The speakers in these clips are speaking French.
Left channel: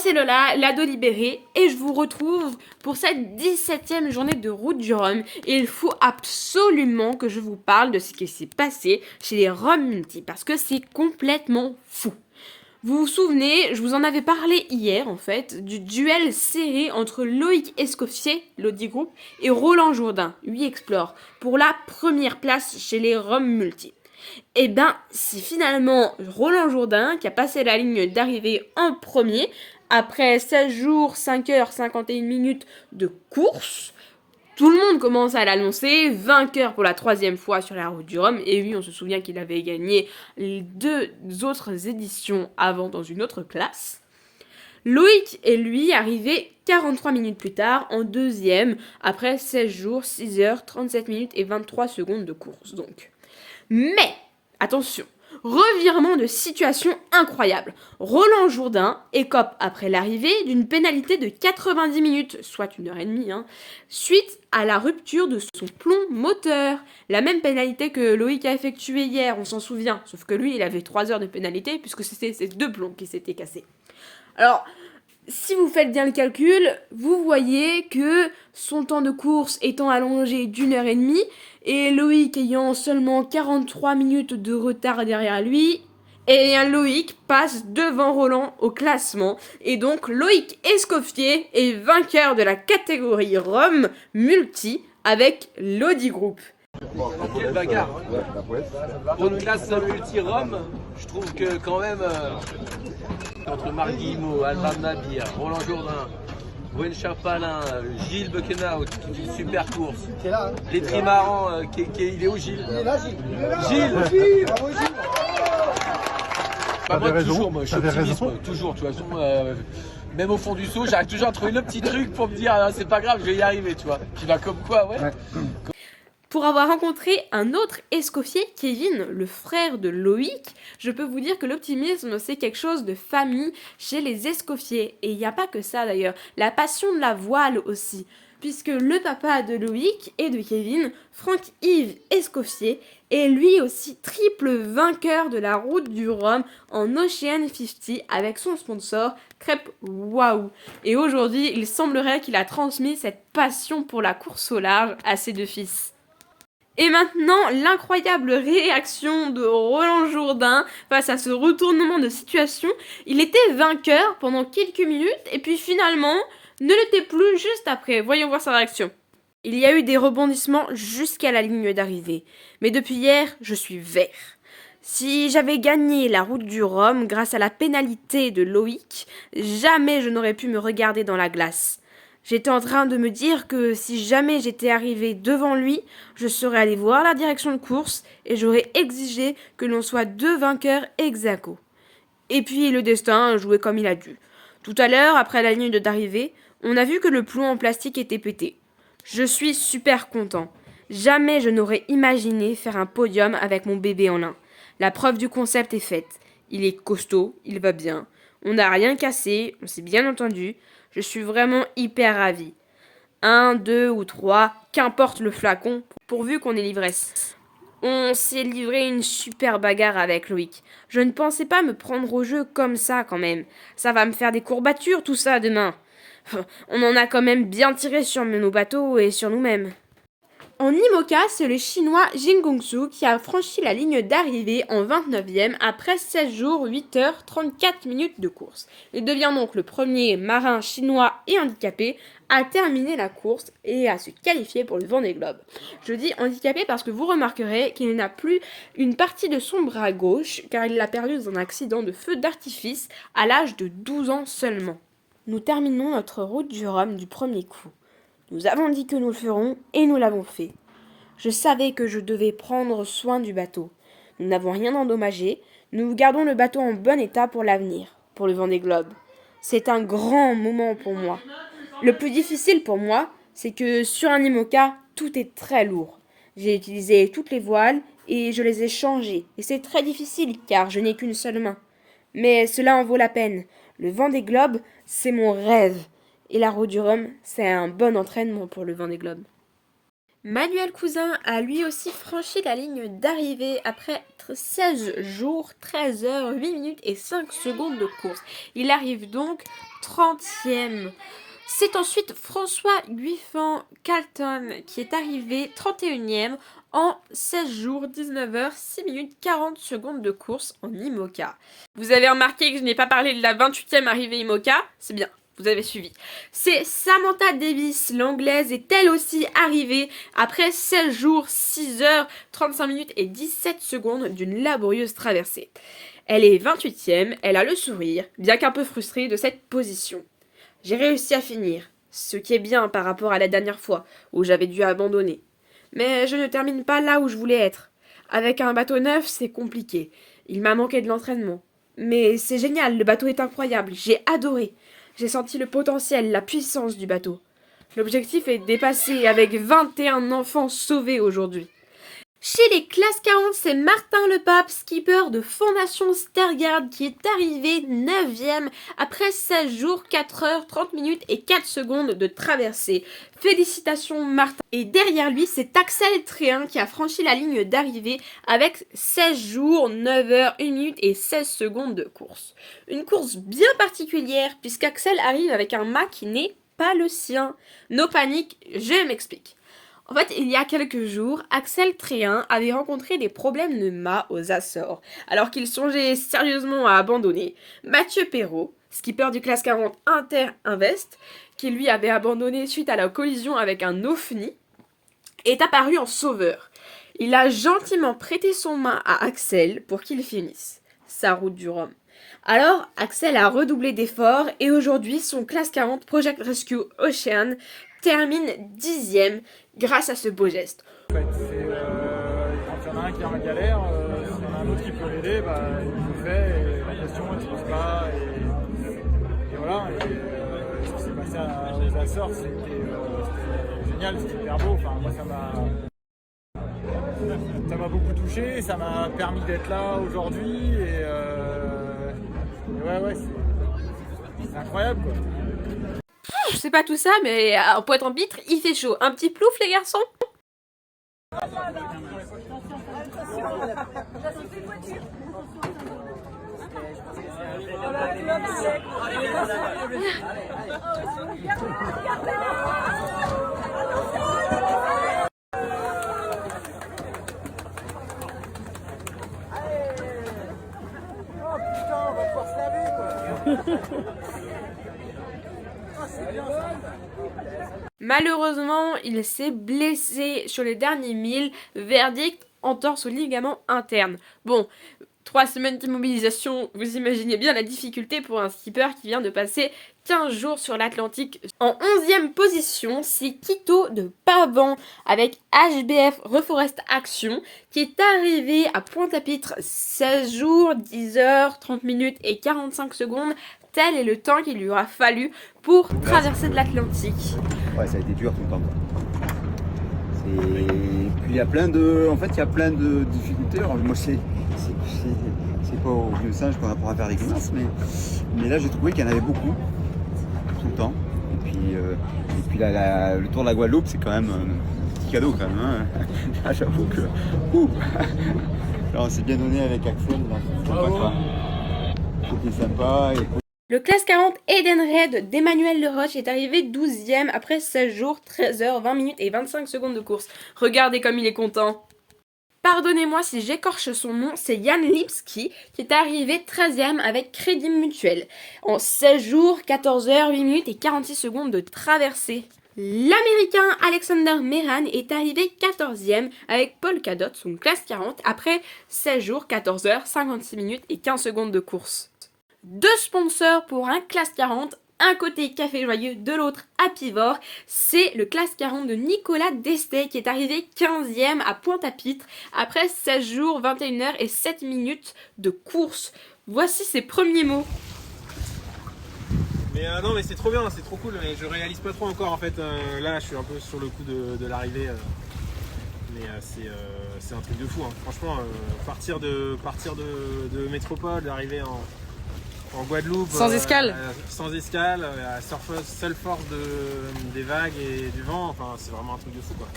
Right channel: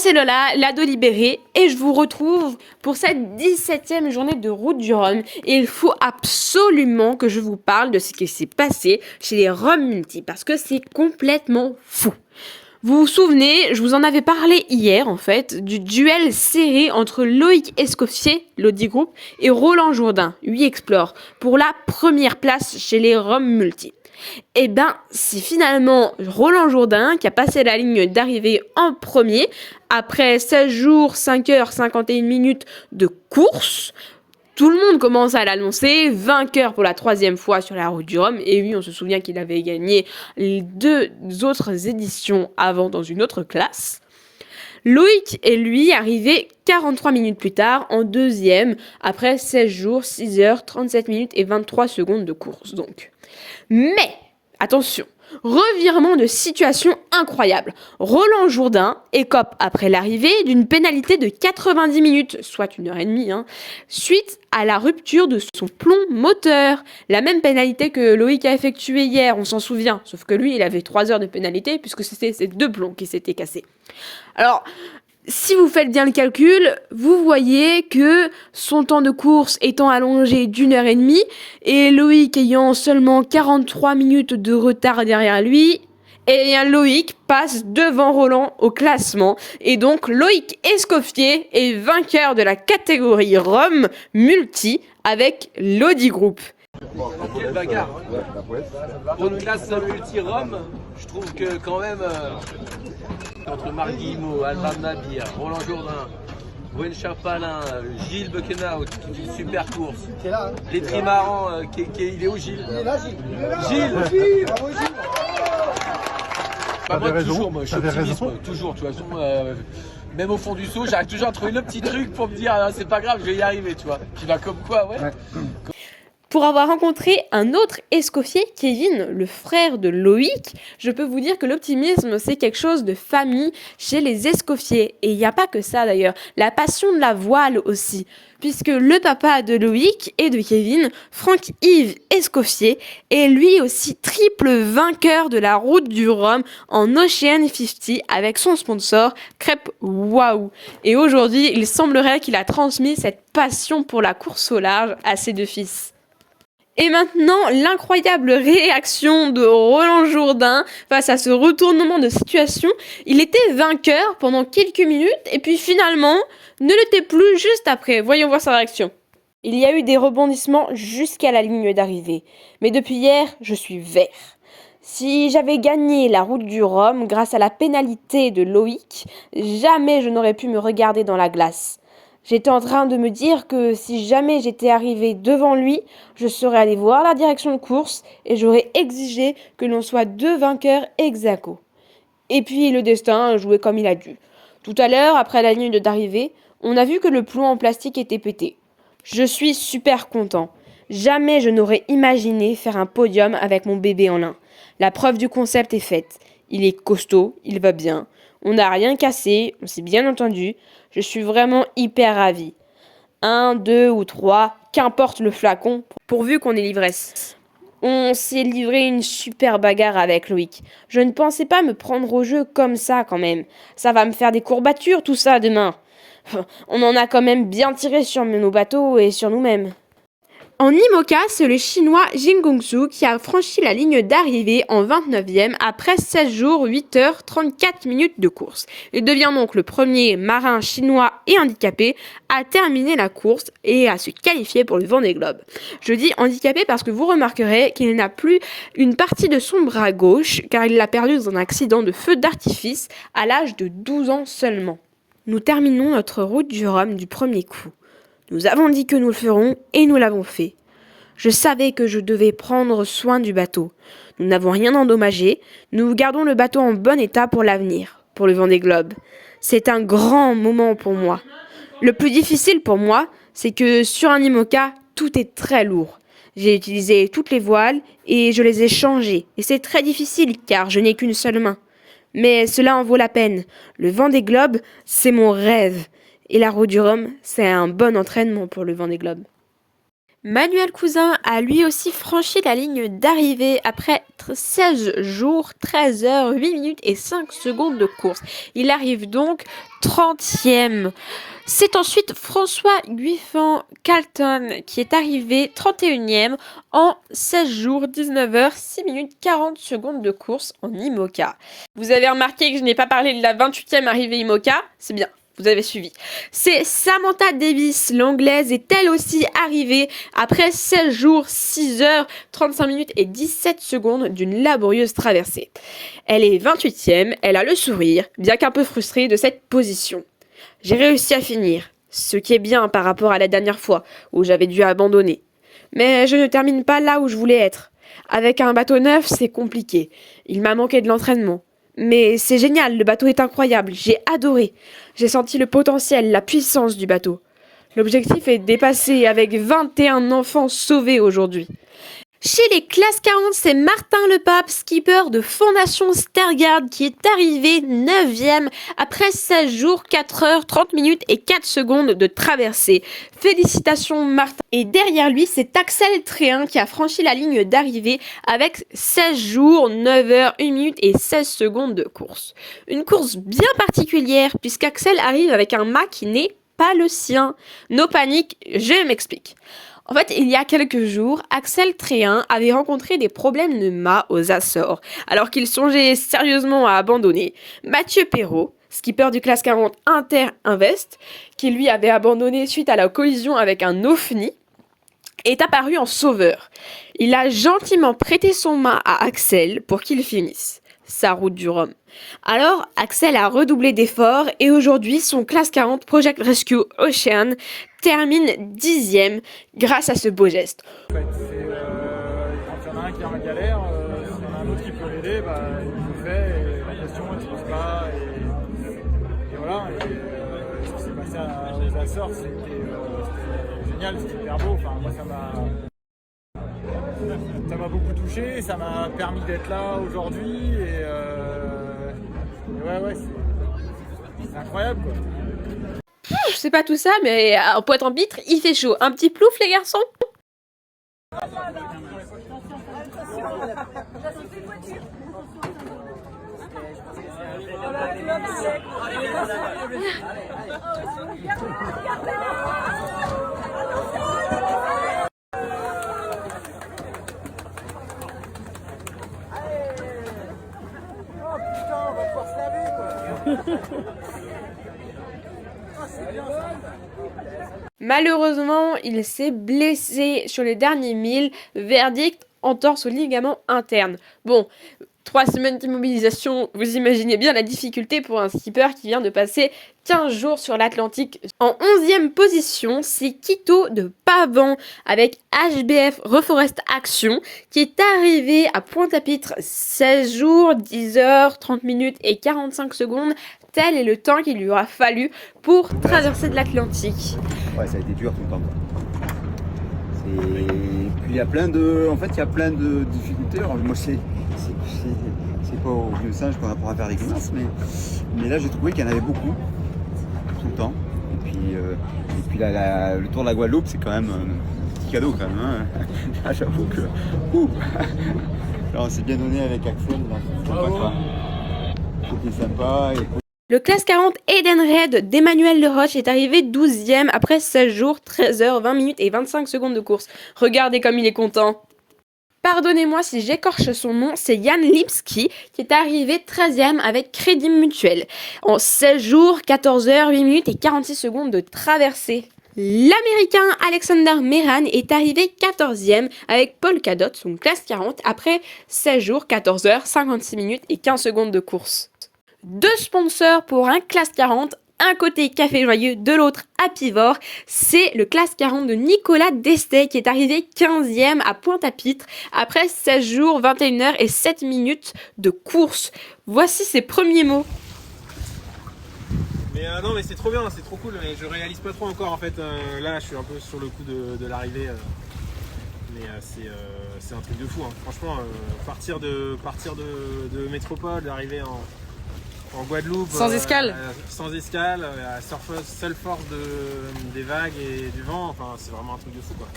c'est Lola, l'ado libérée, et je vous retrouve pour cette 17e journée de route du Rhum. Et il faut absolument que je vous parle de ce qui s'est passé chez les Rhum Multi, parce que c'est complètement fou. Vous vous souvenez, je vous en avais parlé hier en fait, du duel serré entre Loïc Escoffier, l'Audi Group, et Roland Jourdain, 8 Explore, pour la première place chez les Rhum Multi. Et ben, c'est finalement Roland Jourdain qui a passé la ligne d'arrivée en premier, après 16 jours, 5h51 minutes de course. Tout le monde commence à l'annoncer, vainqueur pour la 3e fois sur la route du Rhum. Et oui, on se souvient qu'il avait gagné les 2 autres éditions avant dans une autre classe. Loïc est lui arrivé 43 minutes plus tard en 2e, après 16 jours, 6h, 37 minutes et 23 secondes de course donc. Mais, attention, revirement de situation incroyable. Roland Jourdain écope après l'arrivée d'une pénalité de 90 minutes, soit 1h30, suite à la rupture de son plomb moteur. La même pénalité que Loïc a effectuée hier, on s'en souvient. Sauf que lui, il avait 3 heures de pénalité puisque c'était ses 2 plombs qui s'étaient cassés. Alors, si vous faites bien le calcul, vous voyez que son temps de course étant allongé d'1h30 et Loïc ayant seulement 43 minutes de retard derrière lui, et bien Loïc passe devant Roland au classement. Et donc Loïc Escoffier est vainqueur de la catégorie Rhum Multi avec l'Audi Group. Quelle bagarre pour une classe multi-Rhum, je trouve que quand même entre Marc Guillemot, Alban Nabir, Roland Jourdain, Gwen Charpalin, Gilles Buckenhout qui fait une super course, les trimarans, il est où Gilles? Il est là Gilles. Bravo Gilles. Moi toujours, moi je suis optimiste, toujours, tu vois, même au fond du saut, j'arrive toujours à trouver le petit truc pour me dire c'est pas grave, je vais y arriver, tu vois. Puis bah comme quoi, ouais. Pour avoir rencontré un autre Escoffier, Kevin, le frère de Loïc, je peux vous dire que l'optimisme, c'est quelque chose de famille chez les Escoffiers. Et il n'y a pas que ça d'ailleurs, la passion de la voile aussi. Puisque le papa de Loïc et de Kevin, Franck-Yves Escoffier, est lui aussi triple vainqueur de la route du Rhum en Ocean 50 avec son sponsor Crêpe Waouh. Et aujourd'hui, il semblerait qu'il a transmis cette passion pour la course au large à ses 2 fils. Et maintenant, l'incroyable réaction de Roland Jourdain face à ce retournement de situation. Il était vainqueur pendant quelques minutes et puis finalement ne l'était plus juste après. Voyons voir sa réaction. Il y a eu des rebondissements jusqu'à la ligne d'arrivée. Mais depuis hier, je suis vert. Si j'avais gagné la route du Rhum grâce à la pénalité de Loïc, jamais je n'aurais pu me regarder dans la glace. J'étais en train de me dire que si jamais j'étais arrivé devant lui, je serais allé voir la direction de course et j'aurais exigé que l'on soit 2 vainqueurs ex aequo. Et puis le destin jouait comme il a dû. Tout à l'heure, après la ligne d'arrivée, on a vu que le plomb en plastique était pété. Je suis super content. Jamais je n'aurais imaginé faire un podium avec mon bébé en lin. La preuve du concept est faite. Il est costaud, il va bien. On n'a rien cassé, on s'est bien entendu. Je suis vraiment hyper ravie. 1, 2 ou 3, qu'importe le flacon, pourvu qu'on ait l'ivresse. On s'est livré une super bagarre avec Loïc. Je ne pensais pas me prendre au jeu comme ça quand même. Ça va me faire des courbatures tout ça demain. On en a quand même bien tiré sur nos bateaux et sur nous-mêmes. En IMOCA, c'est le chinois Jing Gongsu qui a franchi la ligne d'arrivée en 29e après 16 jours, 8h34 minutes de course. Il devient donc le premier marin chinois et handicapé à terminer la course et à se qualifier pour le Vendée Globe. Je dis handicapé parce que vous remarquerez qu'il n'a plus une partie de son bras gauche car il l'a perdu dans un accident de feu d'artifice à l'âge de 12 ans seulement. Nous terminons notre route du Rhum du premier coup. Nous avons dit que nous le ferons et nous l'avons fait. Je savais que je devais prendre soin du bateau. Nous n'avons rien endommagé. Nous gardons le bateau en bon état pour l'avenir, pour le Vendée Globe. C'est un grand moment pour moi. Le plus difficile pour moi, c'est que sur un IMOCA, tout est très lourd. J'ai utilisé toutes les voiles et je les ai changées. Et c'est très difficile car je n'ai qu'une seule main. Mais cela en vaut la peine. Le Vendée Globe, c'est mon rêve. Et la route du Rhum, c'est un bon entraînement pour le Vendée Globe. Manuel Cousin a lui aussi franchi la ligne d'arrivée après 16 jours, 13 heures, 8 minutes et 5 secondes de course. Il arrive donc 30e. C'est ensuite François Guiffan Calton qui est arrivé 31e en 16 jours, 19 heures, 6 minutes 40 secondes de course en IMOCA. Vous avez remarqué que je n'ai pas parlé de la 28e arrivée IMOCA? C'est bien. Vous avez suivi. C'est Samantha Davis, l'anglaise, est elle aussi arrivée après 16 jours, 6 heures, 35 minutes et 17 secondes d'une laborieuse traversée. Elle est 28e, elle a le sourire, bien qu'un peu frustrée de cette position. J'ai réussi à finir, ce qui est bien par rapport à la dernière fois où j'avais dû abandonner. Mais je ne termine pas là où je voulais être. Avec un bateau neuf, c'est compliqué. Il m'a manqué de l'entraînement. Mais c'est génial, le bateau est incroyable, j'ai adoré. J'ai senti le potentiel, la puissance du bateau. L'objectif est dépassé avec 21 enfants sauvés aujourd'hui. Chez les classes 40, c'est Martin Lepape, skipper de Fondation Stergard, qui est arrivé 9e après 16 jours, 4 heures, 30 minutes et 4 secondes de traversée. Félicitations Martin. Et derrière lui, c'est Axel Tréhin qui a franchi la ligne d'arrivée avec 16 jours, 9 heures, 1 minute et 16 secondes de course. Une course bien particulière puisqu'Axel arrive avec un mât qui n'est pas le sien. No panique, je m'explique. En fait, il y a quelques jours, Axel Tréhin avait rencontré des problèmes de mât aux Açores, alors qu'il songeait sérieusement à abandonner. Mathieu Perrault, skipper du classe 40 Inter Invest, qui lui avait abandonné suite à la collision avec un OFNI, est apparu en sauveur. Il a gentiment prêté son mât à Axel pour qu'il finisse sa route du Rhum. Alors, Axel a redoublé d'efforts et aujourd'hui, son classe 40 Project Rescue Ocean termine 10e grâce à ce beau geste. En fait, quand il y en a un qui est en galère, s'il y en a un autre qui peut l'aider, il le fait et la question elle se pose pas. Et voilà, ce qui s'est passé aux Açores, c'était génial, c'était hyper beau. Enfin, moi, ça m'a beaucoup touché, ça m'a permis d'être là aujourd'hui. Et ouais, c'est incroyable quoi. C'est pas tout ça, mais en Pointe-en-Pitre, il fait chaud. Un petit plouf, les garçons? Oh putain, on va pouvoir se laver quoi. Malheureusement, il s'est blessé sur les derniers milles. Verdict, entorse au ligament interne. Bon, 3 semaines d'immobilisation, vous imaginez bien la difficulté pour un skipper qui vient de passer 15 jours sur l'Atlantique. En 11e position, c'est Quito de Pavan avec HBF Reforest Action qui est arrivé à Pointe-à-Pitre 16 jours, 10 heures, 30 minutes et 45 secondes. Tel est le temps qu'il lui aura fallu pour traverser de l'Atlantique. Ouais, ça a été dur tout le temps. Puis il y a plein de difficultés. Alors, moi, c'est pas au vieux singe qu'on apprend à faire des grimaces, mais là, j'ai trouvé qu'il y en avait beaucoup tout le temps. Et puis là, le tour de la Guadeloupe, c'est quand même un petit cadeau quand même. Hein. Là, j'avoue que là, on s'est bien donné avec Axel. C'était sympa. Le classe 40 Eden Red d'Emmanuel Leroche est arrivé 12e après 16 jours, 13 heures, 20 minutes et 25 secondes de course. Regardez comme il est content. Pardonnez-moi si j'écorche son nom, c'est Yann Lipski qui est arrivé 13e avec Crédit Mutuel. En 16 jours, 14 heures, 8 minutes et 46 secondes de traversée. L'Américain Alexander Meran est arrivé 14e avec Paul Cadot, son classe 40, après 16 jours, 14 heures, 56 minutes et 15 secondes de course. 2 sponsors pour un classe 40, un côté Café Joyeux, de l'autre Apivore. C'est le classe 40 de Nicolas Destay qui est arrivé 15e à Pointe-à-Pitre après 16 jours, 21 heures et 7 minutes de course. Voici ses premiers mots. Mais non mais c'est trop bien, c'est trop cool, mais je réalise pas trop encore en fait. Là je suis un peu sur le coup de l'arrivée. Mais c'est un truc de fou, hein. Franchement, partir de métropole, d'arriver en Guadeloupe. Sans escale. sans escale, à la seule force des vagues et du vent. Enfin, c'est vraiment un truc de fou, quoi.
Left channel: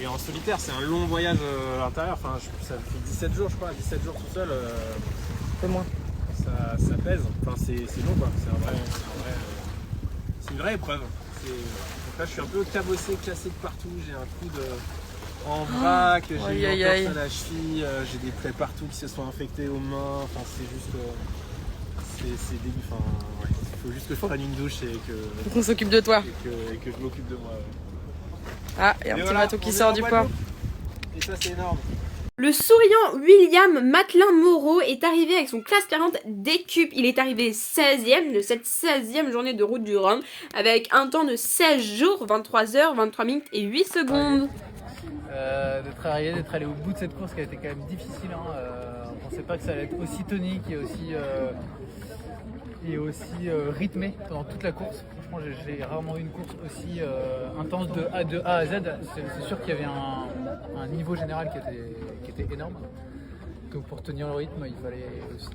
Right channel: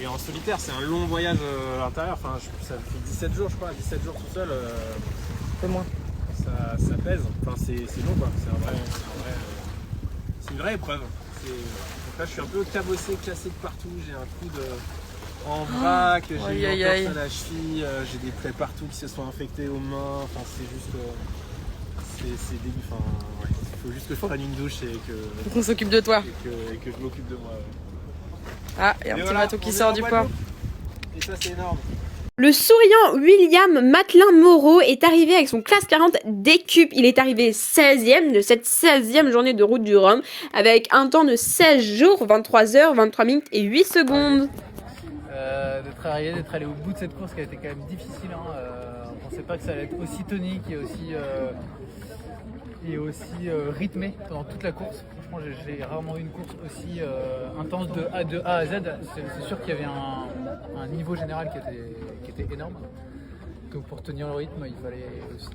Et en solitaire, c'est un long voyage à l'intérieur. Enfin, ça fait 17 jours, je crois. 17 jours tout seul. Un peu moins. Ça pèse. Enfin, c'est long, quoi. C'est une vraie épreuve. Donc là, je suis un peu cabossé, cassé de partout. J'ai un coup en vrac, j'ai Aïe, une aïe, entorse aïe. à la cheville, j'ai des plaies partout qui se sont infectées aux mains. Enfin, c'est juste. C'est dégueu. Enfin, ouais. Il faut juste que je prenne une douche et que, On s'occupe de toi. et que je m'occupe de moi. Ouais. Ah, il y a un Et petit voilà, bateau qui on est sort en du port. Guadeloupe. Et ça, c'est énorme. Le souriant William Matelin-Moreau est arrivé avec son classe 40 d'écupe. Il est arrivé 16e de cette 16e journée de route du Rhum avec un temps de 16 jours, 23 heures, 23 minutes et 8 secondes. D'être arrivé, d'être allé au bout de cette course qui a été quand même difficile. On pensait pas que ça allait être aussi tonique et aussi rythmé pendant toute la course. Franchement, j'ai rarement eu une course aussi intense de A à Z. C'est sûr qu'il y avait un niveau général qui était énorme. Donc pour tenir le rythme, il fallait aussi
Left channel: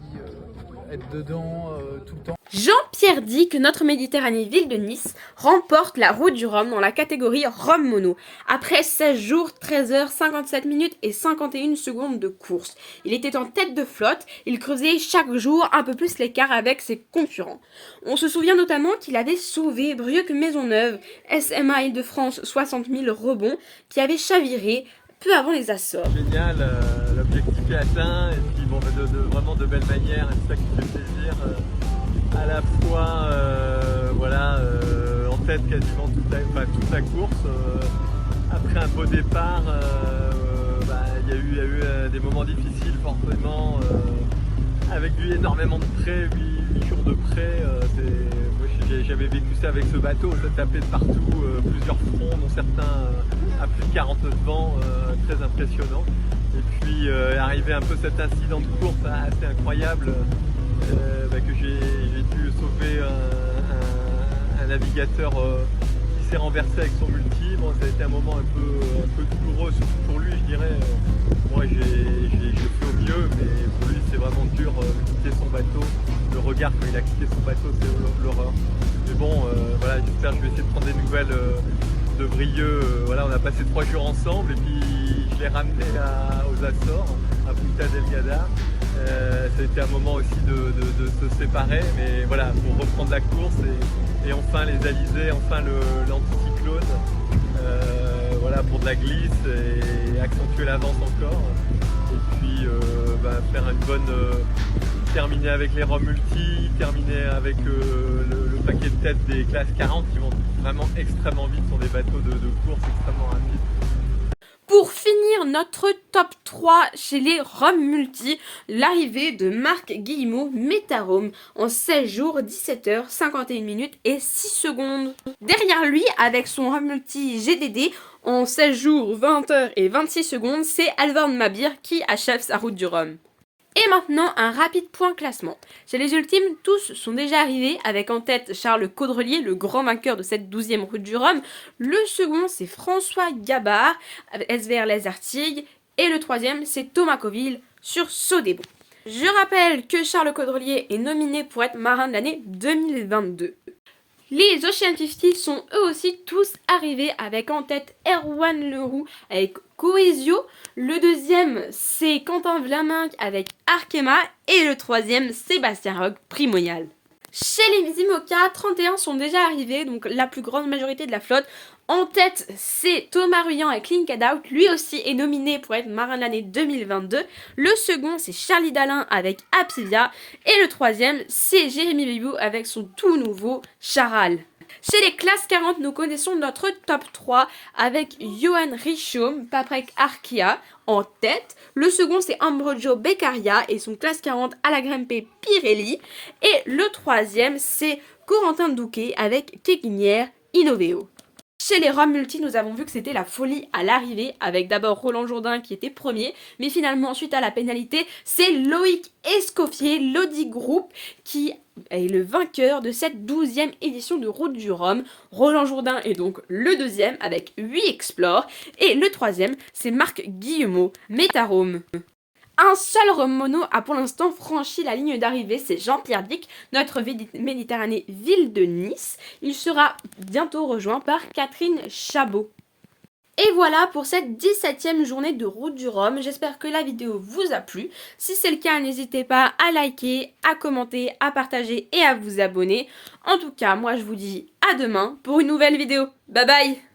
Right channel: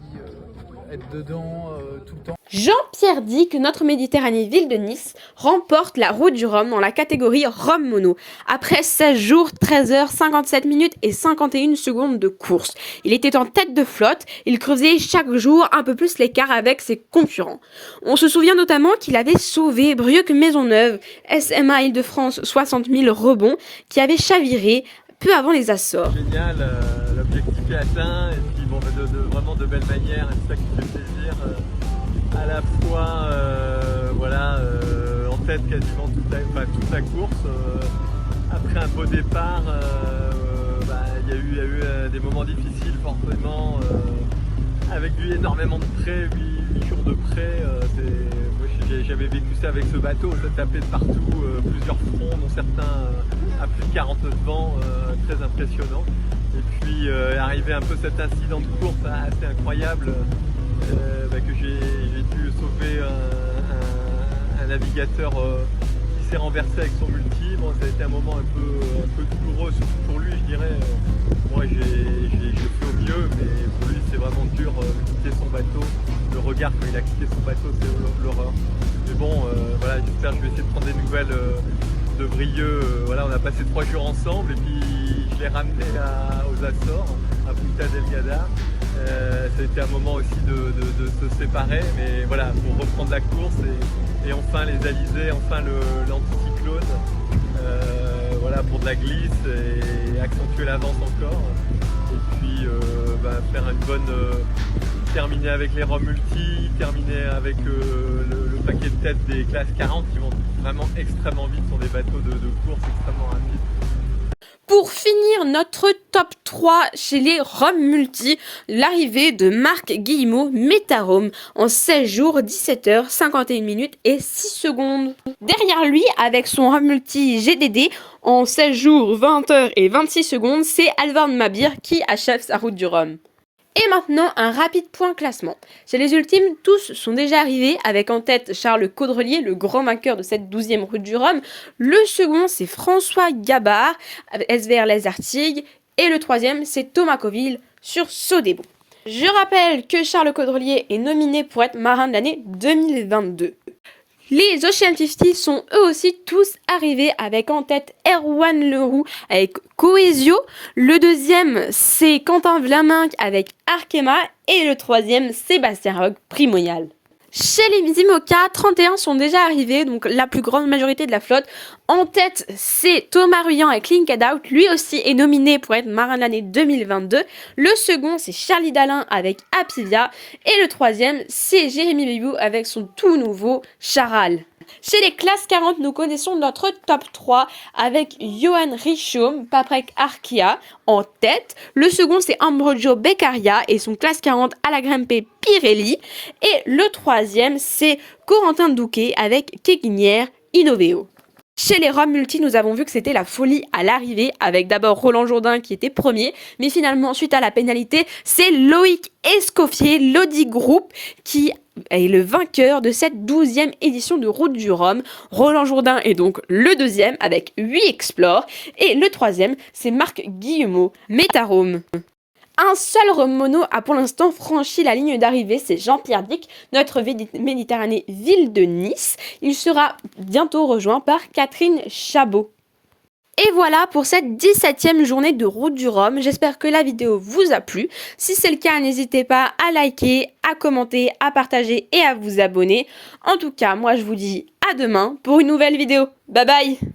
être dedans tout le temps. Jean-Pierre dit que notre Méditerranée ville de Nice remporte la route du Rhum dans la catégorie Rhum Mono. Après 16 jours, 13 heures, 57 minutes et 51 secondes de course. Il était en tête de flotte, il creusait chaque jour un peu plus l'écart avec ses concurrents. On se souvient notamment qu'il avait sauvé Brieuc-Maisonneuve, SMA Île-de-France 60 000 rebonds, qui avait chaviré peu avant les Açores. Génial, l'objectif est atteint et puis bon, vraiment de belle manière, et c'est ça qui me fait plaisir. À la fois en tête quasiment toute la course. Après un beau départ, il y a eu des moments difficiles forcément, avec lui énormément de près, 8 jours de près. J'avais vécu ça avec ce bateau, ça tapait de partout, plusieurs fronts, dont certains à plus de 40 nœuds de vent, très impressionnant. Et puis arrivé un peu cet incident de course assez incroyable, que j'ai dû sauver un navigateur qui s'est renversé avec son multi. Bon, ça a été un moment un peu douloureux, surtout pour lui, je dirais. Moi, j'ai fait au mieux, mais pour lui, c'est vraiment dur de quitter son bateau. Le regard quand il a quitté son bateau, c'est l'horreur. Mais bon, j'espère que je vais essayer de prendre des nouvelles de Brieuc. On a passé 3 jours ensemble et puis je l'ai ramené aux Açores, à Punta Delgada. Ça a été un moment aussi de se séparer, mais voilà, pour reprendre la course et enfin les alizés, enfin l'anticyclone, pour de la glisse et accentuer l'avance encore. Et puis faire une bonne terminer avec les Rhum multi, terminer avec le paquet de tête des classes 40 qui vont vraiment extrêmement vite, sont des bateaux de course extrêmement rapides. Pour finir notre top 3 chez les Rhum Multi, l'arrivée de Marc Guillemot Métarome en 16 jours, 17 heures, 51 minutes et 6 secondes. Derrière lui, avec son Rhum Multi GDD, en 16 jours, 20 heures et 26 secondes, c'est Alvord Mabir qui achève sa route du Rhum. Et maintenant, un rapide point classement. Chez les ultimes, tous sont déjà arrivés, avec en tête Charles Caudrelier, le grand vainqueur de cette 12e route du Rhum. Le second, c'est François Gabard, avec SVR Les Artigues. Et le troisième, c'est Thomas Coville sur Sodebo. Je rappelle que Charles Caudrelier est nominé pour être marin de l'année 2022. Les Ocean 50 sont eux aussi tous arrivés avec en tête Erwan Leroux avec Coesio. Le deuxième, c'est Quentin Vlaminck avec Arkema. Et le troisième, Sébastien Roch, Primonial. Chez les IMOCA, 31 sont déjà arrivés, donc la plus grande majorité de la flotte. En tête, c'est Thomas Ruyant avec Linked Out, lui aussi est nominé pour être marin de l'année 2022. Le second, c'est Charlie Dalin avec Apivia. Et le troisième, c'est Jérémy Bibou avec son tout nouveau Charal. Chez les classes 40, nous connaissons notre top 3 avec Johan Richoum, Paprec Arkia en tête. Le second, c'est Ambrogio Beccaria et son classe 40 à la Grimpe Pirelli. Et le troisième, c'est Corentin Douquet avec Keguinière Innoveo. Chez les Rhum Multi, nous avons vu que c'était la folie à l'arrivée, avec d'abord Roland Jourdain qui était premier, mais finalement, suite à la pénalité, c'est Loïc Escoffier, l'Audi Group, qui est le vainqueur de cette 12e édition de Route du Rhum. Roland Jourdain est donc le deuxième avec 8 Explore, et le troisième, c'est Marc Guillemot Métarome. Un seul rhum mono a pour l'instant franchi la ligne d'arrivée, c'est Jean-Pierre Dick, notre Méditerranée ville de Nice. Il sera bientôt rejoint par Catherine Chabot. Et voilà pour cette 17e journée de Route du Rhum. J'espère que la vidéo vous a plu. Si c'est le cas, n'hésitez pas à liker, à commenter, à partager et à vous abonner. En tout cas, moi je vous dis à demain pour une nouvelle vidéo. Bye bye!